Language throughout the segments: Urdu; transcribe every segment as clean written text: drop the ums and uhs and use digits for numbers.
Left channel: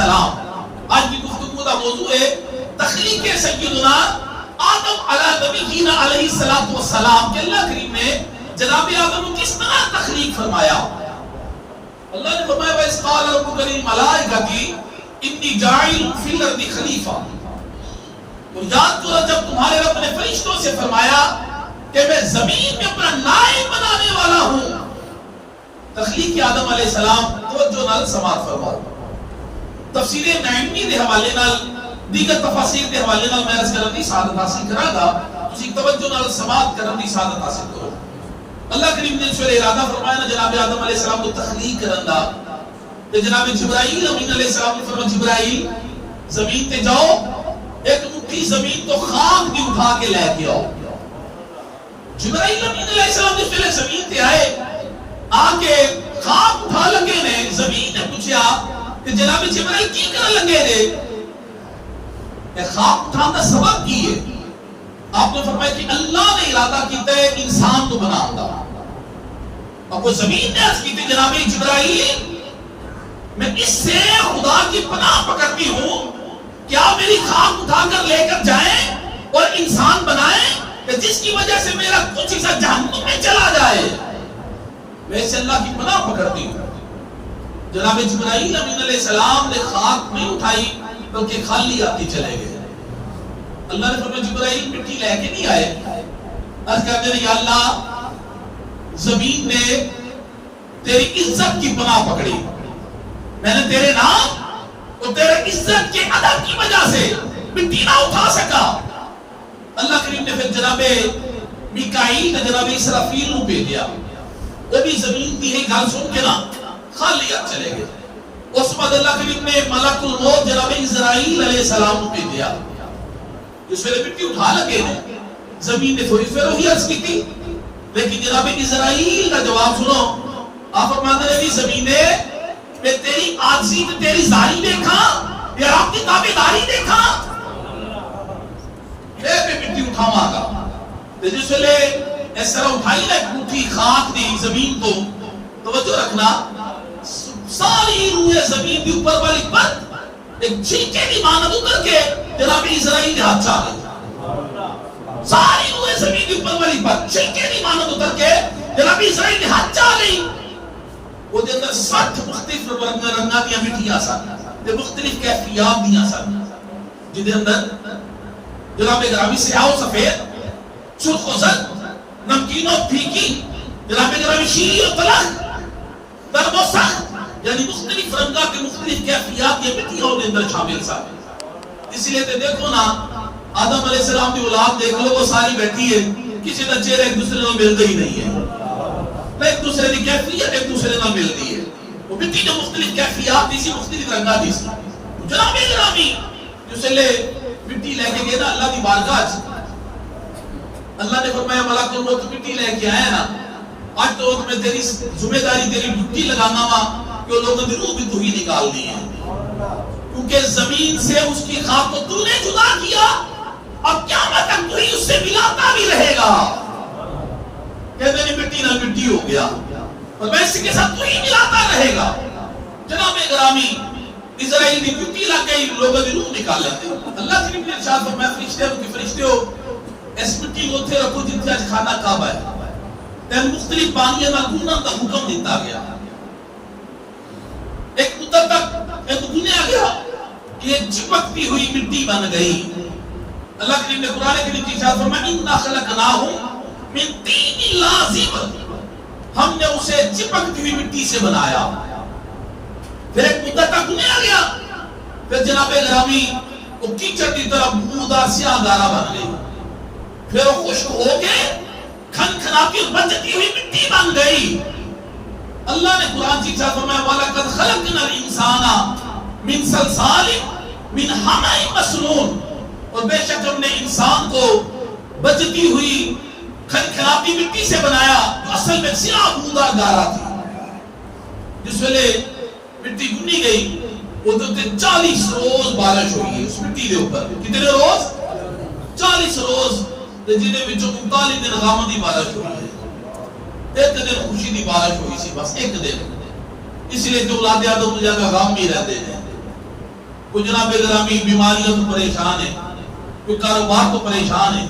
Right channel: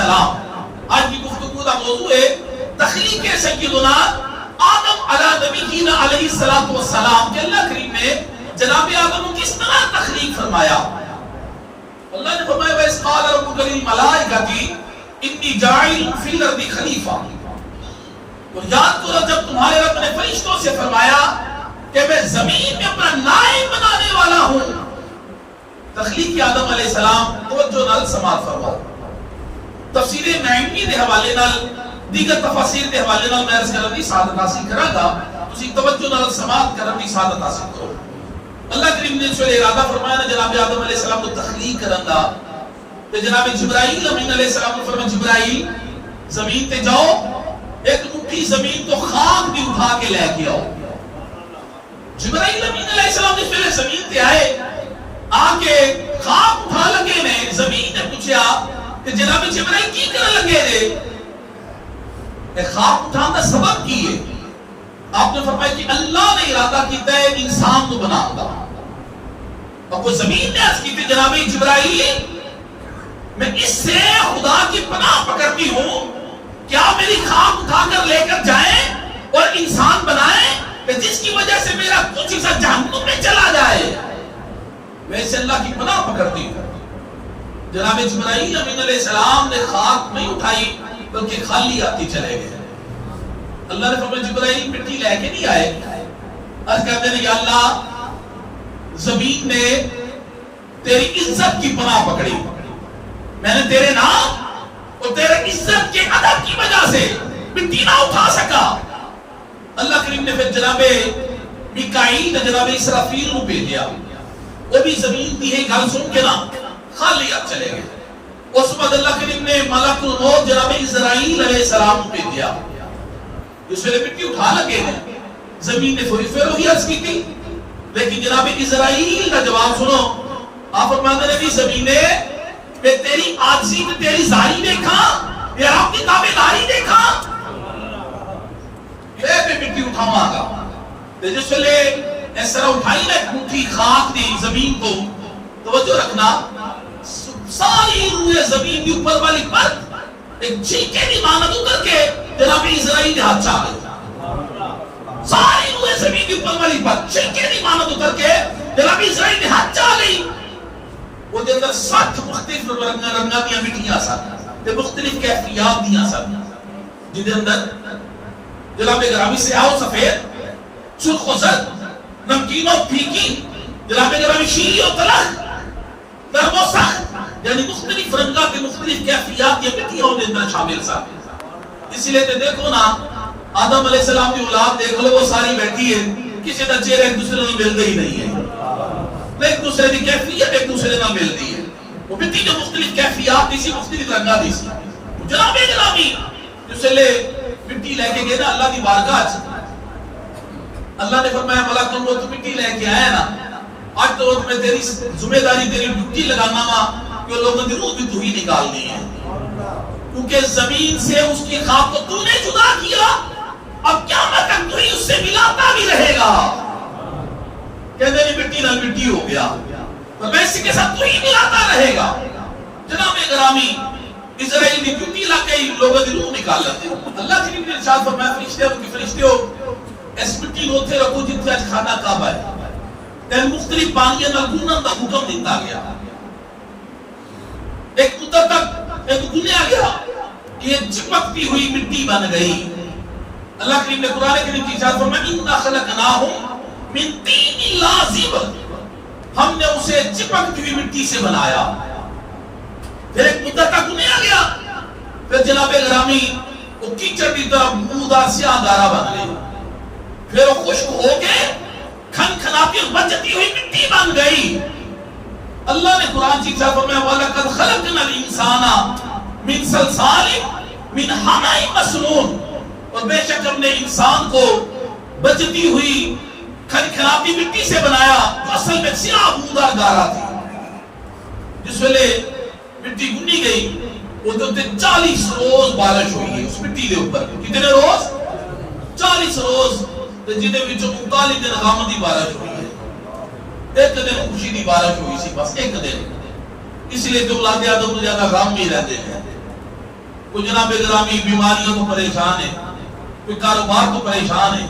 السلام. آج کی گفتگو کا موضوع ہے تخلیق سیدنا آدم علی نبینا علیہ الصلوۃ والسلام کہ اللہ کریم نے جناب آدم کو کس طرح تخلیق فرمایا. اللہ نے فرمایا وَإِذْ قَالَ رَبُّكَ لِلْمَلَائِكَةِ إِنِّي جَاعِلٌ فِي الْأَرْضِ خَلِيفَةً. اور یاد کرو جب تمہارے رب نے فرشتوں سے فرمایا کہ میں زمین میں اپنا نائب بنانے والا ہوں. تخلیق آدم علیہ السلام توجہ نال سماعت فرماؤ. تفسیر نعیمی دے حوالے نال دیگر تفاسیر دے حوالے نال میں عرض کرن دی سعادت حاصل کراں گا. تسی توجہ نال سماعت کرن دی سعادت حاصل کرو. اللہ کریم نے اس ویلے ارادہ فرمایا نا جناب آدم علیہ السلام کو تخلیق کرن دا تے جناب جبرائیل امین علیہ السلام نے فرمایا جبرائیل زمین تے جاؤ ایک مٹھی زمین تو خاک دی اٹھا کے لے کے آؤ. جبرائیل امین علیہ السلام جس ویلے زمین تے آئے آ کے خاک اٹھا لگے نے. زمین نے پوچھا کہ جناب جبرائیل کی کرن لگے نے؟ اے خاک اٹھان دا سبب کی ہے؟ آپ نے فرمایا کہ اللہ نے ارادہ کیتا ہے انسان کو بناؤں گا. اور وہ زمین نے عرض کی تھی جناب جبرائیل میں اس سے خدا کی پناہ پکڑتی ہوں کیا میری خاک اٹھا کر لے کر جائیں اور انسان بنائیں کہ جس کی وجہ سے میرا کچھ حصہ جہنم میں چلا جائے. ویسے اللہ کی پناہ پکڑتی ہوں. جناب جبرائیل امین علیہ السلام نے خاک نہیں اٹھائی بلکہ خالی آتی چلے گئے. اللہ نے فرمایا جبرائیل مٹی لے کے نہیں آئے. عرض کرتے ہیں یا اللہ زمین نے تیری عزت کی پناہ پکڑی. میں نے تیرے نام اور تیرے عزت کے ادب کی وجہ سے مٹی نہ اٹھا سکا. اللہ کریم نے پھر جناب میکائیل نے جناب اسرافیل کو بھیجا. وہ بھی زمین کی ہے گل سن کے نا خالی ہاتھ چلے گئے. اس بعد اللہ کریم نے ملک الموت جناب اسرائیل علیہ السلام کو بھیجا. اس ویلے مٹی اٹھا لگے ہیں. زمین نے تھوڑی پھر وہی عرض کی تھی لیکن جناب اسرائیل کا جواب سنو. آپ فرماتے ہیں بھی زمین نے میں تیری عاجزی تے تیری زاری دیکھا یا رب کی تابعداری دیکھا میں مٹی اٹھاواں گا. تے جس ویلے اس طرح اٹھائی نا ایک مٹھی خاک دی زمین کو توجہ رکھنا ساری روح زمین کی اوپر والی پرت ایک چھینکے دی مانند اتر کے جناب اسرائیل کے ہاتھ چاہ گئی. ساری روح زمین کی اوپر والی پرت چھینکے دی مانند اتر کے جناب اسرائیل کے ہاتھ چاہ گئی. وہ دے اندر 60 مختلف رنگاں دیاں مٹیاں سن تے مختلف کیفیات دیاں سن جن دے اندر جناب گرامی سیاہ و سفید سرخ و زرد نمکین و پھیکی جناب گرامی شیریں و تلخ نرم و سخت یعنی مختلف رنگاں تے مختلف کیفیات یہ مٹیاں دے اندر شامل سن. اسی لیے تے دیکھو نا آدم علیہ السلام کی اولاد دیکھ لو وہ ساری بیٹھی ہے کسی کا چہرہ ایک دوسرے سے ملتا ہی نہیں ہے. ایک دوسرے کی کیفیت ایک دوسرے میں ملتی ہے. وہ مٹی جو مختلف کیفیات اسی مختلف رنگاں دی سی. جناب گرامی جس لے مٹی لے کے گئے نا اللہ کی بارگاہ چ اللہ نے فرمایا ملک الموت مٹی لے کے آیا نا آج تو میں تیری ذمہ داری تیری ڈیوٹی لگانا وا کہ لوگوں کی روح بھی تو ہی نکالنی ہے کیونکہ زمین سے اس کی خاک کو تو نے جدا کیا اب قیامت تک تو ہی اس سے ملاتا بھی رہے گا. کہتے ہیں مٹی نہ مٹی ہو گیا اور میں اسی کے ساتھ تو ہی ملاتا رہے گا. جناب گرامی اسرائیل کی ڈیوٹی لگ گئی لوگوں کی روح نکال لیتے. اللہ کی نے ارشاد فرمایا فرشتے ہو اس مٹی کو اتنے رکھو جتنے اج کھانا کعبہ ہے تے مختلف پانیاں نال گھنن دا حکم دیتا گیا. ایک مدت تک ایک دنیا گیا یہ چپکتی ہوئی مٹی بن گئی. اللہ کریم نے قرآن کریم کی ارشاد فرمایا انا خلقناہم من طین لازب ہم نے اسے چپکتی ہوئی مٹی سے بنایا. پھر ایک مدت تک دنیا گیا پھر جناب گرامی وہ کیچڑ کی طرح بودار سیاہ گارا بن گئی. پھر وہ خشک ہو کے کھن کھناتی اور بچتی ہوئی مٹی بن گئی. اللہ نے قرآن کی ارشاد فرمایا وَلَقَدْ خَلَقْنَا الْإِنسَانَ مِنْ صَلْصَالٍ مِنْ حَمَإٍ مَسْنُونٍ اور بے شک ہم نے انسان کو بچتی ہوئی کھنکھناتی مٹی سے بنایا جو اصل میں سیاہ بودار گارا تھی. جس ویلے مٹی گنی گئی وہ تو 40 روز بارش ہوئی ہے اس مٹی دے اوپر. کتنے روز؟ 40 روز جنہیں وچوں 39 دن غم دی بارش ہوئی ہے. ایک دن خوشی دی بارش ہوئی سی بس ایک دن. اس لیے جو اولاد آدم زیادہ غم بھی رہتے ہیں کوئی جناب گرامی بیماریوں تو پریشان ہے، کوئی کاروبار تو پریشان ہے،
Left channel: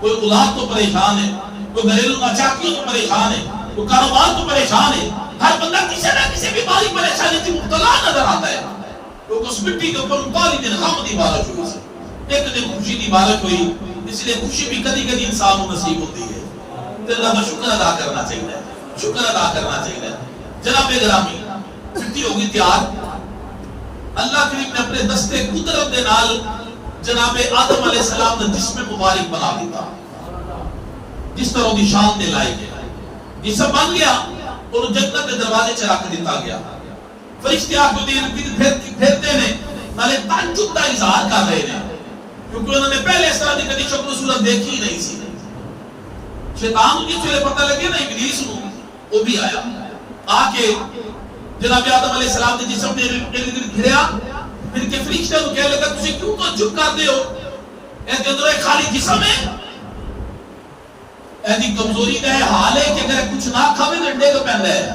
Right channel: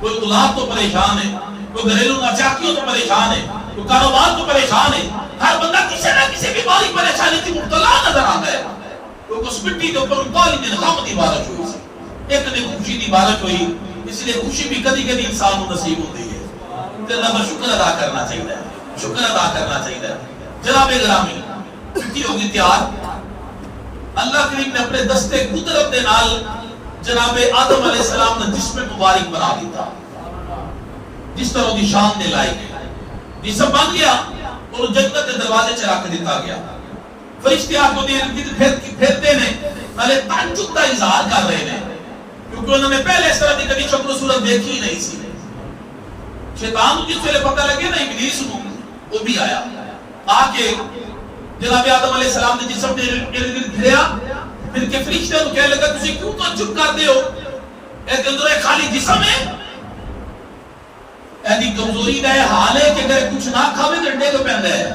کوئی اولاد تو پریشان ہے، کوئی گھریلو ناچاکیوں تو پریشان ہے، کوئی کاروبار تو پریشان ہے. ہر بندہ کسی نہ کسی بیماری پریشانی کی مبتلا نظر آتا ہے. تو اس مٹی کے اوپر 39 دن غم دی بارش ہوئی سی، ایک دن خوشی دی بارش ہوئی. اس لیے خوشی بھی کدی کدی انسان کو نصیب ہوتی ہے. تو اللہ کا شکر ادا کرنا چاہیے، شکر ادا کرنا چاہیے. جناب گرامی مٹی ہوگی تیار. اللہ کریم نے اپنے دستے قدرت دے نال جناب آدم علیہ السلام نے جسم مبارک بنا دیتا، جس طرح دی شان دے لائق جسم بن گیا اور جنت کے دروازے چ رکھ دیتا گیا. فرشتے آ کے پھرتے نے نالے تعجب کا اظہار کر رہے ہیں، کیونکہ انہوں نے پہلے اس طرح کی کبھی شکل و صورت دیکھی نہیں سی. شیطان کو جس ویلے پتہ لگے نا ابلیس نو، وہ بھی آیا آ کے جناب آدم علیہ السلام نے جسم کے ارد گرد پھریا. پھر کے فرشتے کو کہنے لگا تسی کیوں تعجب کرتے ہو، اے اندر ایک خالی جسم ہے، ایسی کمزوری کا ہے حال ہے کہ اگر کچھ نہ کھاوے تو ڈیگ پیندا ہے،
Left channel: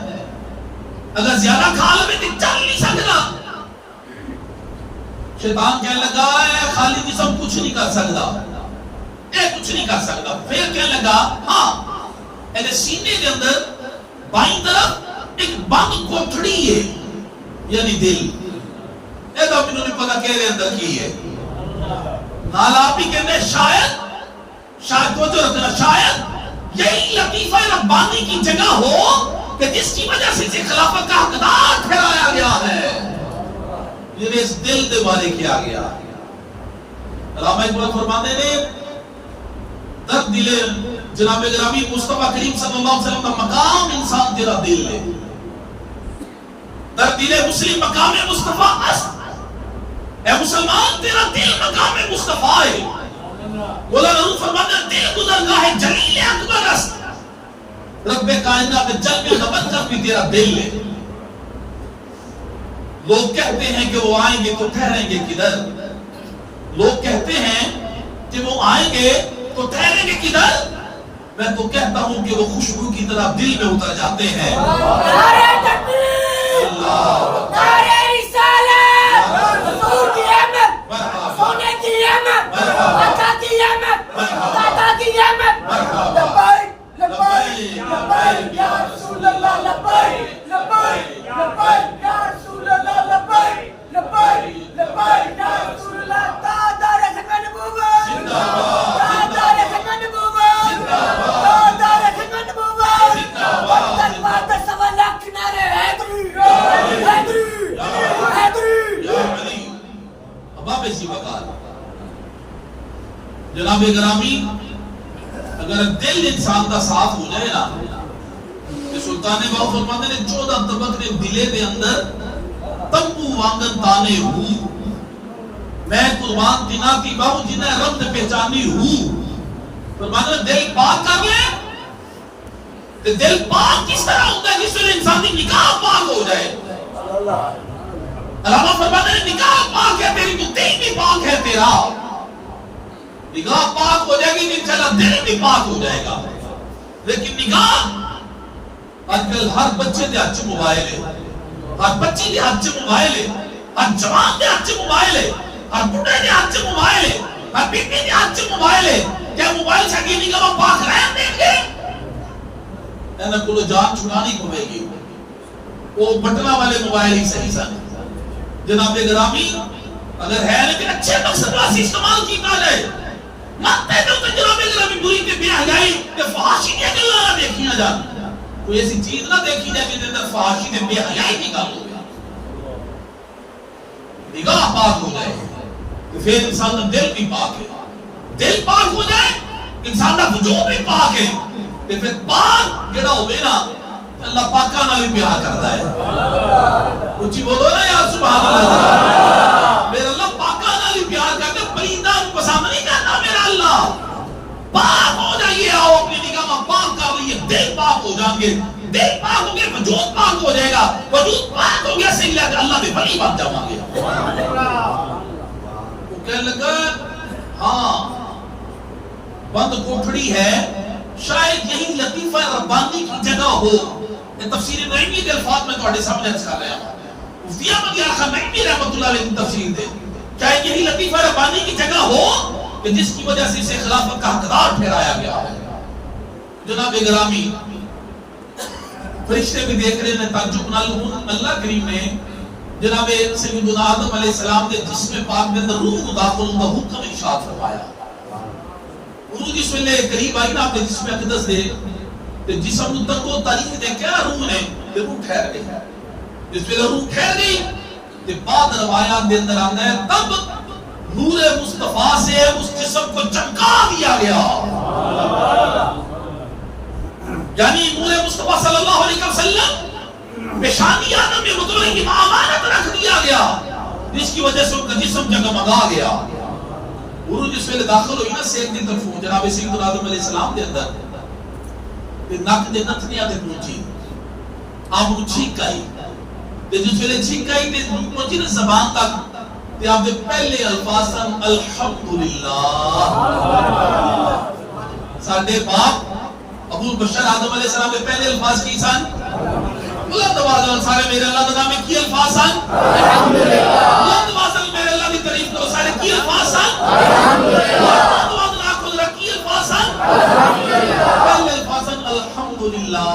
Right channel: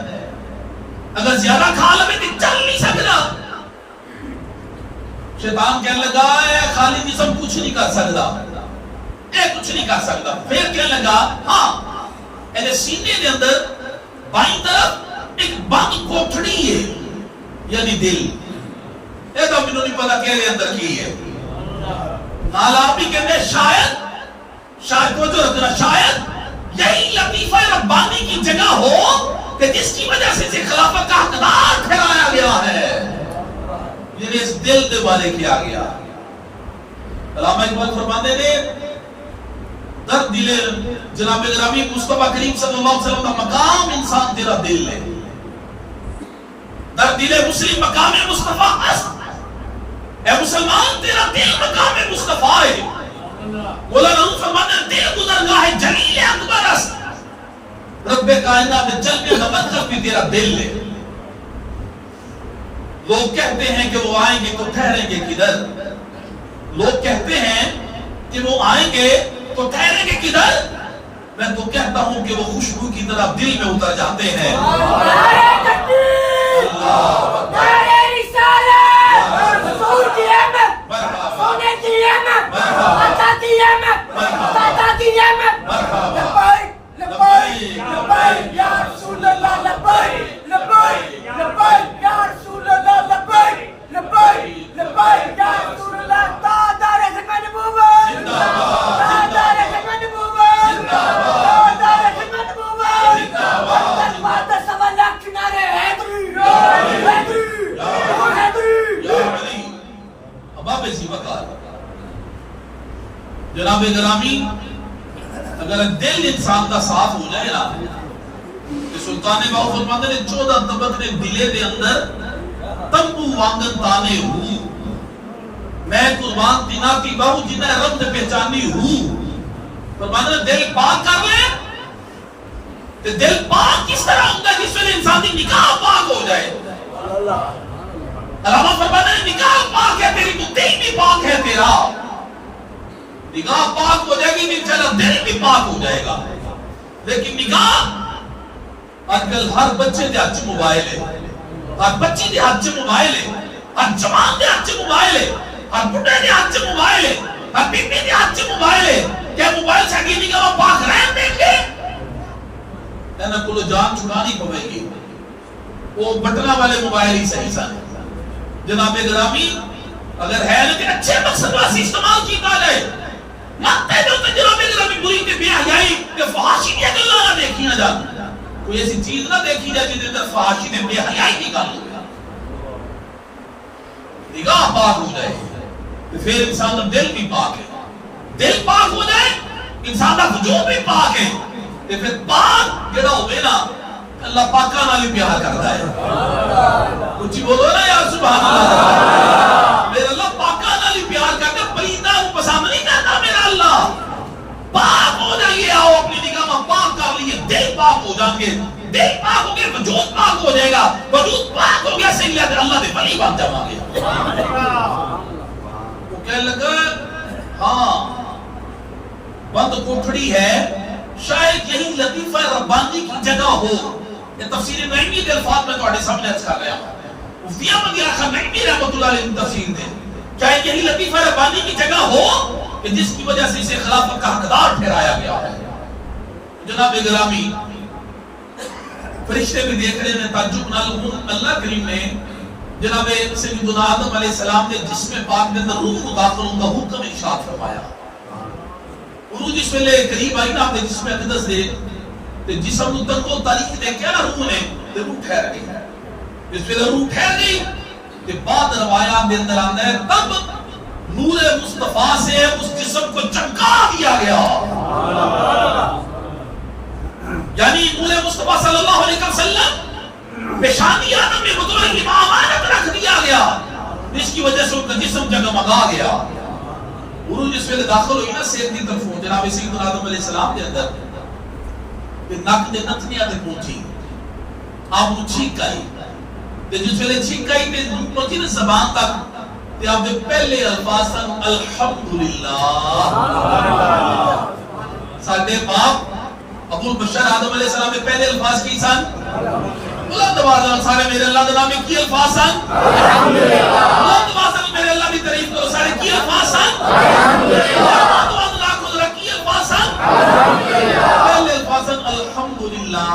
اگر زیادہ کھا لے تو چل نہیں سکتا. شیطان کہنے لگا اے خالی جسم کچھ نہیں کر سکتا، اے کچھ نہیں کر سکتا. پھر کہنے لگا ہاں اے سینے دے اندر بائیں طرف ایک بند کوٹھڑی ہے، یعنی دل. اے تو مینوں نہیں پتا کہ دے اندر کی ہے. نال آپ بھی کہنے شاید توجہ رکھنا، شاید یہی لطیفہ ربانی کی جگہ ہو کہ جس کی وجہ سے خلافت کا حقدار ٹھہرایا گیا ہے، جنہیں اس دل دے بارے کیا گیا. علامہ اقبال فرماتے نے در دل جناب گرامی مصطفیٰ کریم صلی اللہ علیہ وسلم کا مقام انسان تیرا دل ہے. در دل مسلم مقام مصطفیٰ است، اے مسلمان تیرا دل مقام مصطفیٰ ہے. مولانا روم فرماتے ہیں دل گزرگاہ جلیل اکبر است، رب کائنات جل میں خبر کر بھی تیرا دل ہے. لوگ کہتے ہیں کہ وہ آئیں گے تو ٹھہریں گے کدھر، لوگ کہتے ہیں کہ وہ آئیں گے تو ٹھہریں گے کدھر. میں تو کہتا ہوں کہ وہ خوشبو کی طرح دل میں اتر جاتے ہیں. جناب گرامی اگر دل انسان کا صاف ہو جائے نا، کہ سلطان باہو فرماتے نے 14 طبق نے دلے دے اندر تنبو وانگن تانے ہوں، میں قربان تینا کی باہو جنہیں رب نے پہچانی ہوں. فرماتے نے دل پاک کر لیں. دل پاک کس طرح ہوتا ہے؟ جس میں انسان کی نکاح پاک ہو جائے. علامہ فرماتے ہیں نکاح پاک ہے تیری تو دل بھی پاک ہے تیرا. نگاہ پاک ہو جائے گی نہیں چلا دل بھی پاک ہو جائے گا. لیکن نگاہ آج کل ہر بچے دے ہاتھ موبائل ہے، ہر بچی دے ہاتھ موبائل ہے، ہر جوان دے ہاتھ موبائل ہے، ہر بڑھے دے ہاتھ موبائل ہے، ہر بی بی دے ہاتھ موبائل ہے. کیا موبائل سے اگلی نگاہ پاک رہن دیں گے؟ اینا کلو جان چھڑانی پوے گی. وہ بٹنا والے موبائل ہی صحیح سن. جناب گرامی اگر ہے نا کہ اچھے مقصد واسی استعمال کیتا جائے، مت ہے جو جناب گرامی بری کے بے حیائی کہ فحاشی کی گلاں نہ دیکھیاں جان. کوئی ایسی چیز نہ دیکھی جائے جس اندر فحاشی میں بے حیائی کی گل ہو. نگاہ پاک ہو جائے تو پھر انسان کا دل بھی پاک ہے. دل پاک ہو جائے انسان کا وجود بھی پاک ہے. کہ پھر پاک جڑا ہوئے نا اللہ پاکاں نال بھی پیار کرتا ہے. اچھی بولو نا یا سبحان اللہ. میرا اللہ پاکاں نال بھی پیار کرتا ہے، پلیداں کو پسند نہیں کرتا میرا اللہ. پاک ہو جائیے، آؤ اپنی نگاہ میں پاک کر لیے، دل پاک ہو جائیں گے. دل پاک ہو گئے وجود پاک ہو جائے گا. وجود پاک ہو گیا صحیح ہے اللہ دے ولی بن جاواں گے. وہ کہنے لگا ہاں بند کوٹھڑی ہے، شاید یہی لطیفہ ربانی کی جگہ ہو. یہ تفسیر نعیمی کے الفاظ میں تھوڑے سامنے عرض کر رہا ہوں. مفتی احمد یار خان نعیمی رحمۃ اللہ علیہ تفسیر دے شاید یہی لطیفہ ربانی کی جگہ ہو کہ جس کی وجہ سے اسے خلافت کا حقدار ٹھہرایا گیا ہے۔ جناب گرامی، فرشتے بھی دیکھ رہے ہیں تعجب نال، اللہ کریم نے جناب سیدنا آدم علیہ السلام نے جسم پاک کے اندر روح داخل ہونے کا حکم ارشاد فرمایا۔ روح جس ویلے قریب آئی نا آپ نے جسم اقدس دے تے جسم نوں تنگو تاریخ دے کیا روح نے تے روح ٹھہر گئی۔ جس ویلے روح ٹھہر گئی تے بعد روایات دے اندر آندا ہے تب نور مصطفیٰ سے اس جسم کو چمکا دیا گیا، یعنی نور مصطفیٰ صلی اللہ علیہ وسلم پیشانی آدم میں بطور امامت رکھ دیا گیا، جس کی وجہ سے ان کا جسم جگمگا گیا۔ روح جس ویلے داخل ہوئی نا سیر دی طرف جناب سیدنا آدم علیہ السلام دے اندر تے نک دے نتھنیاں تے پہنچی، آپ نوں چھینک آئی تے جس ویلے چھینک آئی تے پہنچی نا زبان تک تے آپ دے پہلے الفاظ سن الحمدللہ۔ ساڈے باپ ابو البشر آدم علیہ السلام کے پہلے الفاظ کی سن بلند آواز سارے میرے اللہ کے نام میں کی الفاظ سن الحمدللہ۔ بلند آواز میرے اللہ کی تعریف کرو سارے کی الفاظ سن الحمدللہ۔ بلند آواز لاکھوں ذرا کی الفاظ سن الحمدللہ۔ پہلے الفاظ سن الحمدللہ۔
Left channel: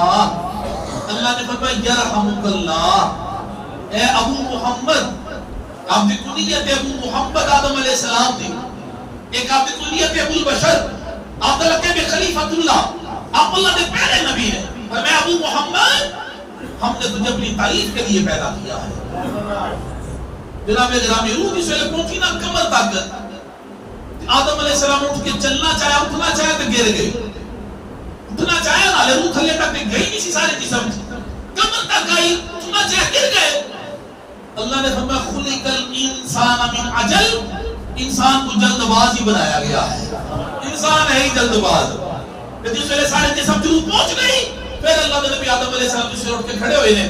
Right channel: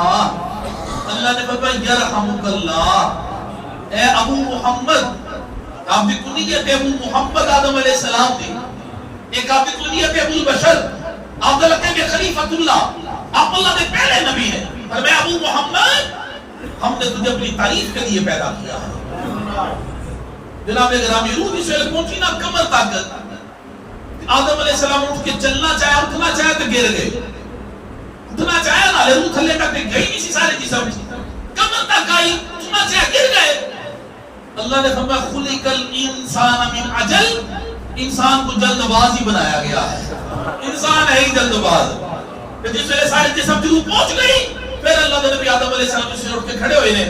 اللہ نے فرمایا یرحمک اللہ، اے ابو محمد، آپ کی کنیت ابو محمد آدم علیہ السلام تھی، ایک آپ کی کنیت ابو البشر، آپ کا لقب ہے خلیفۃ اللہ، آپ اللہ کے پہلے نبی ہیں، اور میں ابو محمد، ہم نے تجھے اپنی تعریف کے لیے پیدا کیا ہے۔ جناب گرامی، روح جس ویلے پہنچی نا کمر تک، آدم علیہ السلام اٹھ کے چلنا چاہیا، اٹھنا چاہیا تو گر گئے، اٹھنا چاہیا نا، روح تھلے تک گئی نہیں سی، سارے جسم کمر تک آئی، اٹھنا چاہیا گر گئے۔ اللہ نے فرمایا خلق الانسان من عجل، انسان کو جلد باز ہی بنایا گیا ہے، انسان ہے ہی جلد باز۔ جس ویلے سارے جسم جروح پہنچ گئی، پھر اللہ نے نبی آدم علیہ السلام جس ویلے اٹھ کے کھڑے ہوئے نے،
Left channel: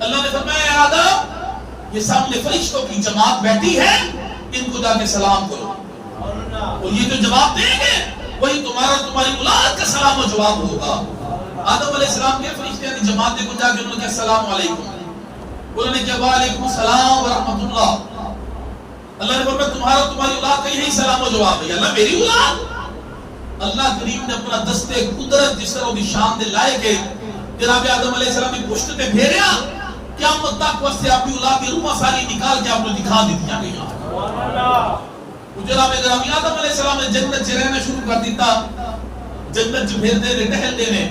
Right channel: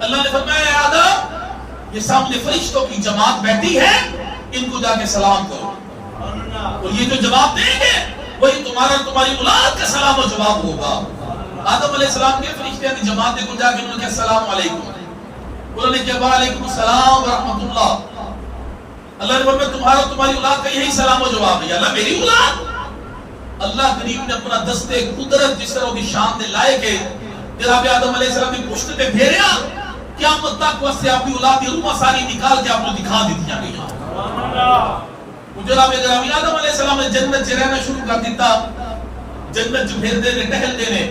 اللہ نے فرمایا اے آدم، یہ سامنے فرشتوں کی جماعت بیٹھی ہے، ان کو جا کے سلام کرو، اور یہ جو جواب دیں گے وہی تمہاری اولاد کا سلام و جواب ہوگا۔ آدم علیہ السلام کے فرشتے کی جماعت کو جا کے انہوں نے کہا السلام علیکم، انہوں نے کہا وعلیکم السلام ورحمۃ اللہ۔ اللہ نے فرمایا تمہاری اولاد کا یہی سلام و جواب ہے۔ اللہ میری اولاد؟ اللہ کریم نے اپنا دستے قدرت جس طرح کی شان دے لائے کہ جناب آدم علیہ السلام کی پشت پہ پھیریا، قیامت تک واسطے آپ کی اولاد کی روح ساری نکال کے آپ کو دکھا دیتیاں گئی۔ جناب گرامی، آدم علیہ السلام نے جنت چ رہنا شروع کر دیتا، جنت چ پھر دے نے ٹہل دے نے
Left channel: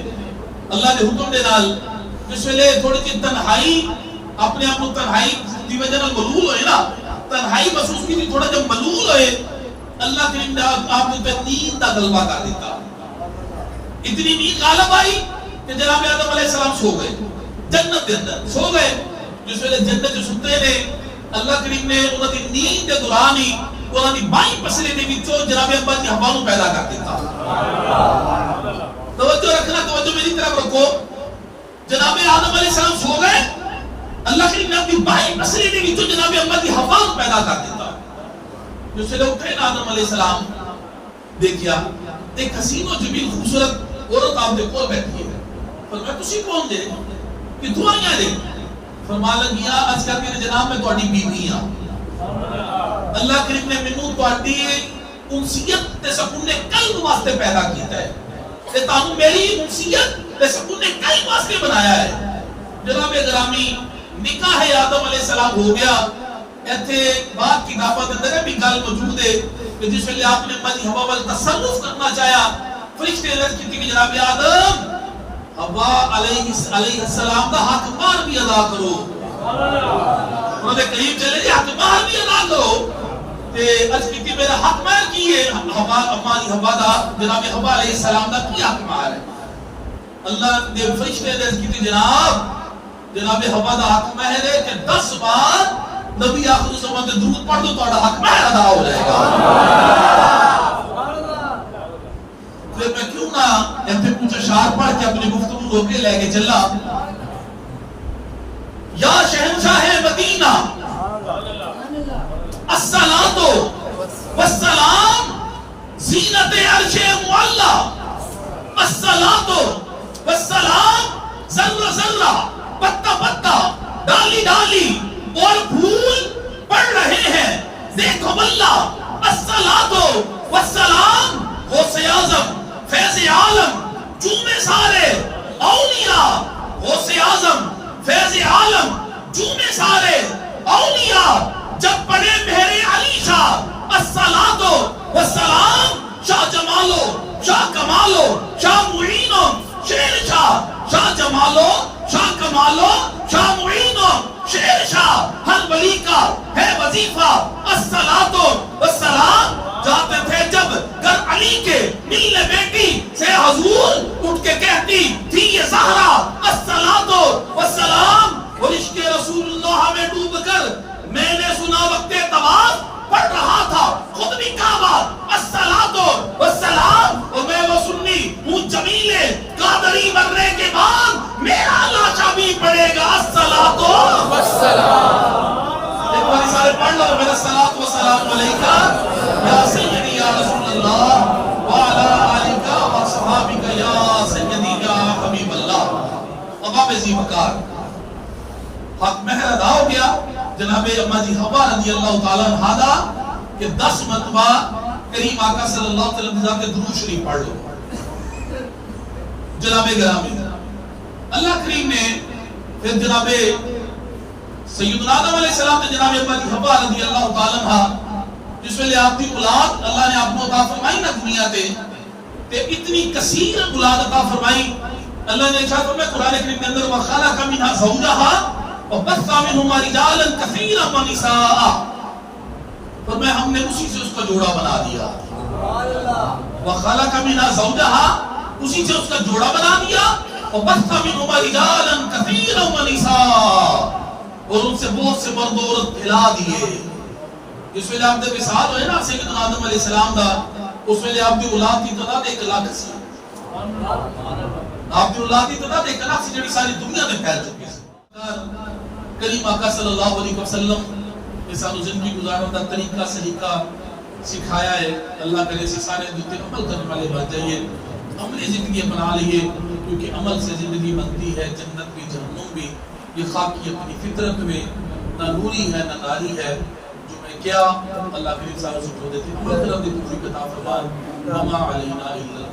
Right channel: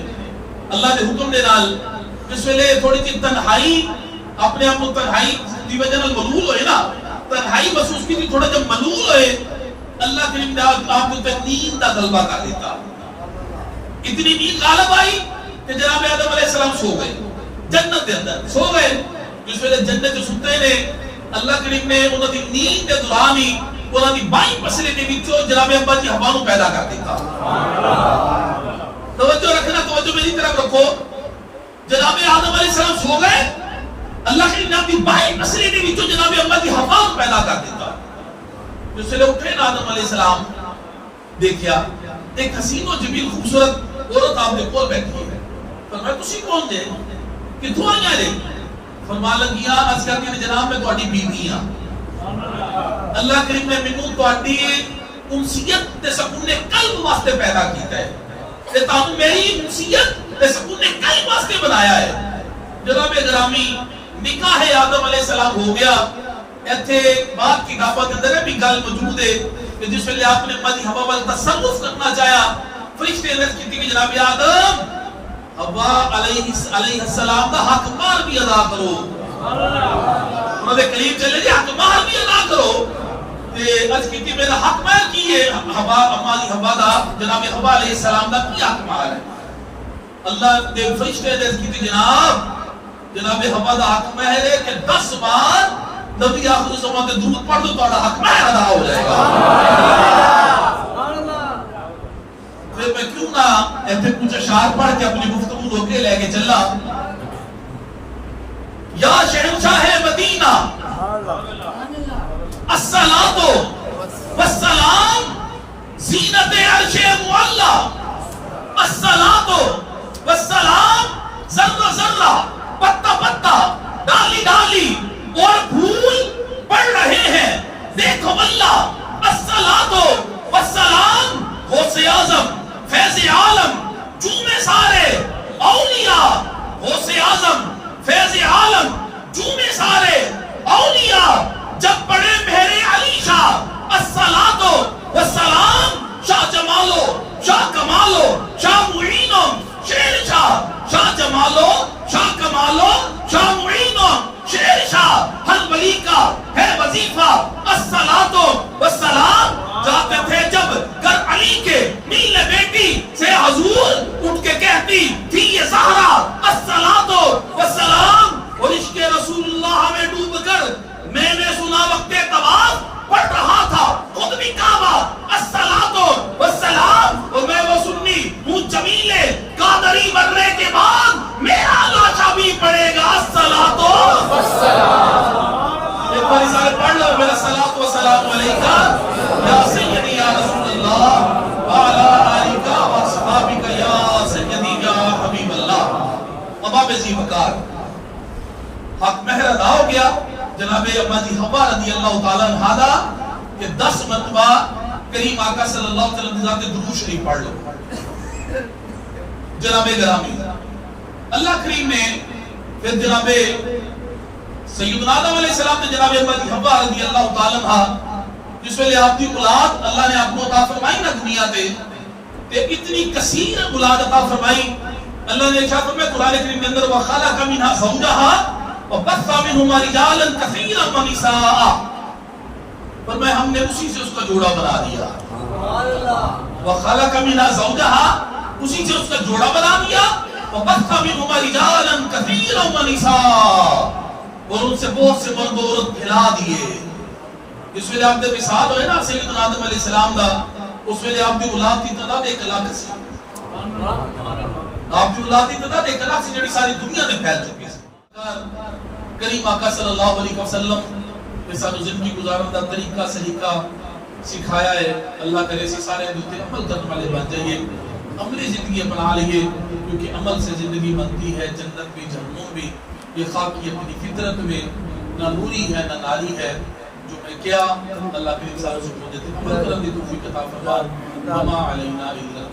اللہ دے حکم دے نال۔ جس ویلے تھوڑی سی تنہائی، اپنے آپ کو تنہائی دی وجہ نال ملول ہوئے نا، تنہائی محسوس کی تھی، تھوڑا جب ملول ہوئے اللہ کریم نے آپ کو نیند کا غلبہ کر دیتا، اتنی نیند غالب آئی کہ جناب آدم علیہ السلام سو گئے، جنت کے اندر سو گئے۔ جس ویلے جنت جو ستے نے، اللہ کریم نے انہوں کی نیند کے دوران ہی انہوں کی بائیں پسلے نے وچوں جناب ابا جی ہوا نوں پیدا کر دیتا۔ توجہ رکھنا، توجہ میری طرف رکھو، جناب آدم علیہ السلام سو گئے، اللہ کریم نے اپنی بائیں پسلے نے وچوں جناب ابا جی ہوا نوں پیدا کر دیتا۔ جس سے اٹھے نا آدم علیہ السلام، دیکھیا ایک حسین و جمیل خوبصورت عورت آپ نے کول بیٹھی ہے۔ فرمایا تسی کون جے؟ کتھوں آئیاں جے؟ فرمان لگیا عرض کرتی ہے جناب میں تہاڈی بیوی ہاں، اللہ کریم نے مینوں تہاڈی انسیت تے سکون قلب واسطے پیدا کیتا ہے، تے تانوں میری انسیت تے سکون قلب واسطے بنایا ہے۔ جناب گرامی، نکاح آدم علیہ السلام ہو گیا۔ ایتھے بات کتاباں دے اندر بھی گل موجود ہے کہ جس ویلے آپ نے مدی ہوا وال تصرف کرنا چاہیا، فرشتے نے عرض کی کہ جناب آدم ہوا علیہ السلام دا حق مار بھی ادا کرو، انہوں نے قریب چلے جی حق مار بھی ادا کرو، تے عرض کی میرا حق مار کی ہے ہوا ہماری ہوا دا، جناب ہوا علیہ السلام دا کی حق مار ہے؟ اللہ نے فرشتے نے عرض کی جناب ہوا دا حق مہر ہے کہ 10 بار نبی آخر زمان تے درود پڑھ دو تو حق مہر ادا ہو جائے گا۔ پھر میں کیوں نہ ایسے کچھ اشعار پڑھ کے اپنی گفتگو کو کے لے کے چلا۔ یا شہنشاہ مدینہ الصلاۃ والسلام زینت عرش معلا، الصلاۃ والسلام ذرہ ذرہ پتا پتا ڈالی ڈالی اور پھول پڑ رہے ہیں، دیکھو واللہ الصلاۃ والسلام غوث اعظم فیض عالم جومے سارے اولیاء غوث اعظم فیض عالم جومے سارے اولیاء جب پڑھے میرے علی شاہ الصلاۃ والسلام شاہ جمالو شاہ کمالو شاہ معینو شیر شاہ شاہ جمالو شاہ کمالو شاہ معینو شیر شاہ ہر ولی کا ہے وظیفہ الصلاۃ والسلام جاتے تھے جب گر علی کے ملنے بیٹی سے حضور اٹھ کے کہتی تھی یہ زہرا الصلاۃ والسلام اور عشق رسول اللہ میں ڈوب کر میں نے سنا وقت طواف پڑھ رہا تھا خود بھی کعبہ الصلاۃ والسلام اور میں وہ سنی ہوں جمیلے قادری مرنے کے بعد میرا لاچا بھی پڑے گا الصلاۃ والسلام ایک بار سارے پڑھ لو میرا الصلاۃ والسلام علیکہ یا سیدی یا رسول اللہ وعلی آلکہ وصحابکہ یا سیدی یا حبیب اللہ اباب زی بکار حق مہر ادا ہو گیا جناب اما جی حوا رضی اللہ تعالیٰ عنہ دا کہ 10 مرتبہ کریم آقا صلی اللہ علیہ وسلم کے درود شریف پڑھ لو جناب گرامی اللہ کریم نے پھر جناب سیدنا آدم علیہ السلام نے جناب اما جی حوا رضی اللہ تعالیٰ عنہ جس ویلے آپ دی اولاد اللہ نے آپ کو عطا فرمائی نا دنیا تے اتنی کثیر اولاد عطا فرمائی اللہ نے ارشاد فرمایا قرآن کریم کے اندر وَخَلَقَ مِنْهَا زَوْجَهَا وَبَثَّ مِنْهُمَا رِجَالًا كَثِيرًا وَنِسَاءً فرمایا ہم نے اسی سے اس کا جوڑا بنا دیا وَخَلَقَ مِنْهَا زَوْجَهَا اسی سے اس کا جوڑا بنا دیا وَبَثَّ مِنْهُمَا رِجَالًا كَثِيرًا وَنِسَاءً اور ان سے بہت سے مرد و عورت پھیلا دیے اس ویلے آپ دے مثال ہوئے نا سیدنا آدم علیہ السلام دا اس ویلے آپ دی اولاد دی تعداد 1 لاکھ سی آپ دی اولاد دی تعداد 1 لاکھ سی جڑی ساری دنیا میں پھیل چکی سی کریم آقا صلی اللہ علیہ وسلم نے سانو زندگی گزارن دا طریقہ سلیقہ سکھایا ہے اللہ کرے اسی سارے دوتے عمل کرنے والے بن جائیے عملی زندگی بنا لئیے کیونکہ عمل سے زندگی بنتی ہے جنت بھی جہنم بھی یہ خاکی اپنی فطرت میں نہ نوری ہے نہ ناری ہے جو میں کیا اللہ کریم سارے سکھو دیتے عمل کرنے دی توفیق عطا فرما وما علینا الا